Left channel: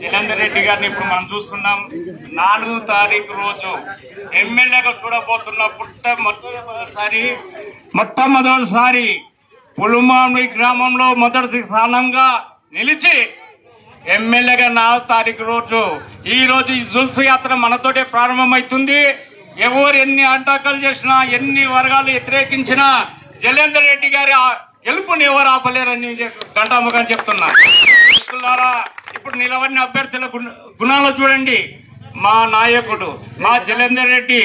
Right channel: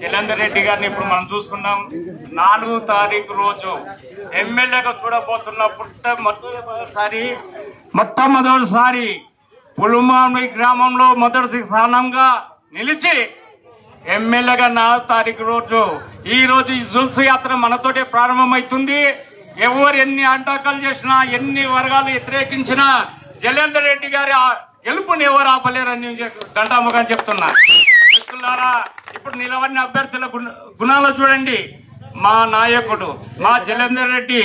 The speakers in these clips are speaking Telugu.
జలేందర్ రెడ్డి గారిని ఇప్పుడు మనం చూస్తున్నాం. 4వ తారీఖు రోజు ఎమ్మెల్యేగా చూడబోతున్న మొట్టమొదటిసారి పులుమామి గ్రామంలో మొదటి స్థానంగా నిలిచి ఎమ్మెల్యేగా 4వ తారీఖు రోజు ఈ రోజు ఈ జుల్స్ యాత్ర మనతోటే ప్రారంభమవుతుంది. ఎవరు ఎన్ని ఆటంకాలు చేసినా, ఎన్ని వర్గాలు వ్యతిరేకించినా జలేందర్ రెడ్డి గారి గెలుపుని ఎవరు ఆపలేరని గంటాముగా చెప్తున్నా. ఇప్పుడు నిలబడిన అభ్యర్థుల గుణాలు చూడండి. మా నాయకుడు మా జలేందర్ రెడ్డి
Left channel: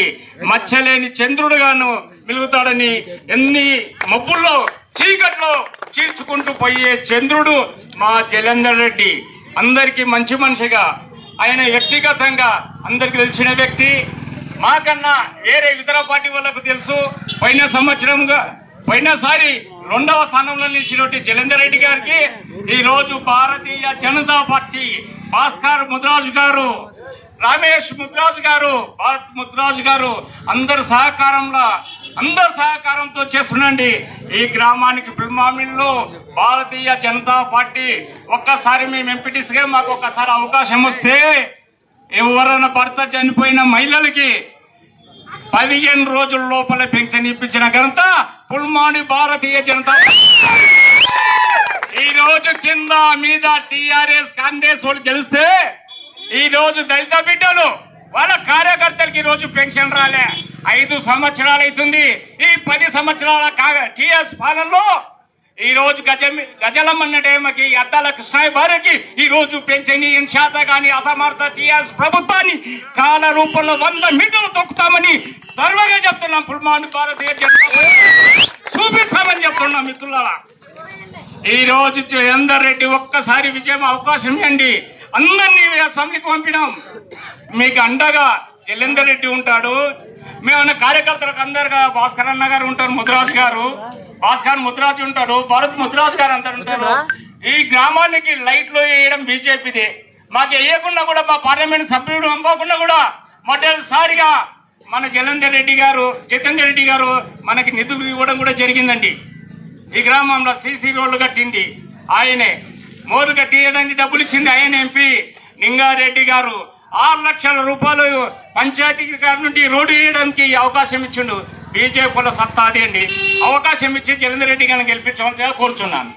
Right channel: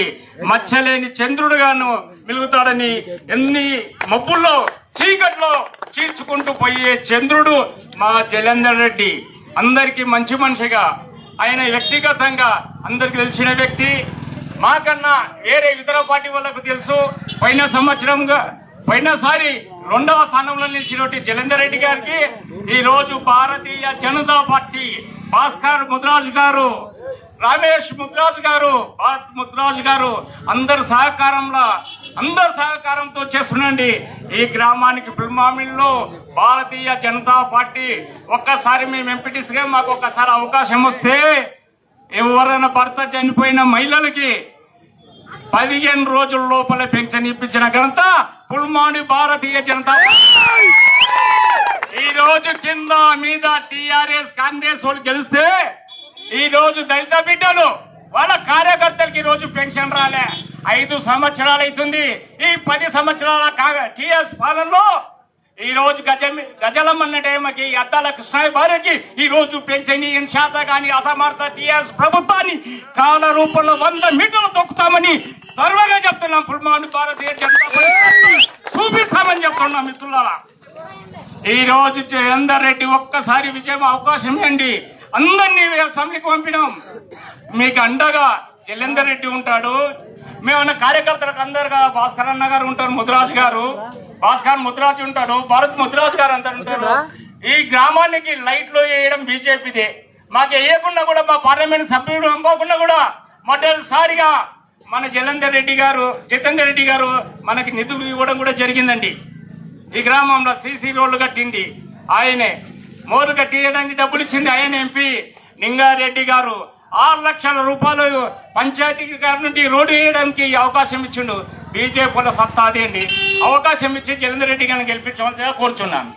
మచ్చలేని చంద్రుడుగాను మిలుగుతాడని, ఎన్ని మబ్బుల్లో చీకట్లో చీల్చుకుంటూ పోయే చంద్రుడు మా జలేందర్ రెడ్డి. అందరికీ మంచి మనిషిగా, ఆయన వ్యక్తిగతంగా అందరికి తెలిసిన వ్యక్తి. మాకన్నా వేరే ఇతర పార్టీ వాళ్ళకు తెలుసు. పోయినసారి 2వ స్థానంలో నిలిచినటువంటి జలేందర్ రెడ్డి గారికి ఈ రోజు భారతీయ జనతా పార్టీ భాస్కర్ ముద్రాజు గారు, రమేష్ ముద్రాజు గారు, భారత్ ముద్రాజు గారు అందరి సహకారంతో చేస్తున్నాండి. ఈ గ్రామానికి పుల్మామిల్లో భారతీయ జనతా పార్టీ ఒక్కసారి మేము ఎంపీటీసీగా మాకు ఒక్కసారి అవకాశం వస్తే ఎవరైనా భర్త చనిపోయిన మహిళలకి 15 రోజుల లోపల పెన్షన్ ఇప్పించిన ఘనత పుల్మాని భారతీయ జనతా పార్టీ. ఈ రోజు కింద మీద టీఆర్ఎస్ కాంగ్రెస్ వాళ్ళు గెలిస్తే ఈ రోజు దళిత బిడ్డలు వాళ్ళ కార్యకర్తలకి ఈ రోజు పెన్షన్ రాలే. 5 సంవత్సరాలు అవుతుంది. ఈ 10 సంవత్సరాల టీఆర్ఎస్ పాలనలో ఈ రోజు గజలమ్మన్న టైంకి అద్దాల కృష్ణయ్య భార్యకి ఈ రోజు పెన్షన్ శాత గాని అసమర్థ టీఆర్ఎస్ ప్రభుత్వాన్ని కాల రూపంలో 100 మీటర్లు తొక్కుతామని గర్వంగా చెప్తున్నాం. పుల్మాని భారతీయ జనతా పార్టీ చూపిస్తామని చెప్తున్నాం. మిత్రులారా, ఈ రోజు జలేందర్ రెడ్డి ఒక్కసారి విజయం అవకాశం ఇవ్వండి. అందరినీ అసెంబ్లీకి పంపినాం. మీకు అండగా జలేందర్ రెడ్డి ఉంటాడు. మేమన్నా కార్యకర్తలకు అందరుగా భాస్కర్ అన్న గారు ఉంటారు, ముద్రాజు గారు, భాస్కర్ ముద్రాజు ఉంటాడు, భరత్ ముద్రాజు గారు అందరు ఉంటారు. ఈ గ్రామానికి లైట్లు వేయడం బీజేపీదే. మాకు వేయకుండా కూడా మా పార్లమెంట్ సభ్యుడు పంపకుండా కూడా మొదటిసారిగా మన జితేందర్ రెడ్డి గారు మనకి నిధులు ఇవ్వడం కూడా జరిగిందండి. ఈ గ్రామంలో సీసీ రోడ్లు కట్టింది ఆయనే, మోర్లు కట్టియడానికి డబ్బులు ఇచ్చింది ఆయన. ఎంపీ నింగారెడ్డి గారు 6 లక్షల రూపాయలు పంచాయతీ గారి నుండి రోడ్డు వేయడానికి అవకాశం ఇచ్చిండు. బీజేపీ సత్తా అదే అండి. అవకాశం ఇచ్చి జలేందర్ రెడ్డి గారిని గెలిపించవలసిగా కోరుచున్నాను.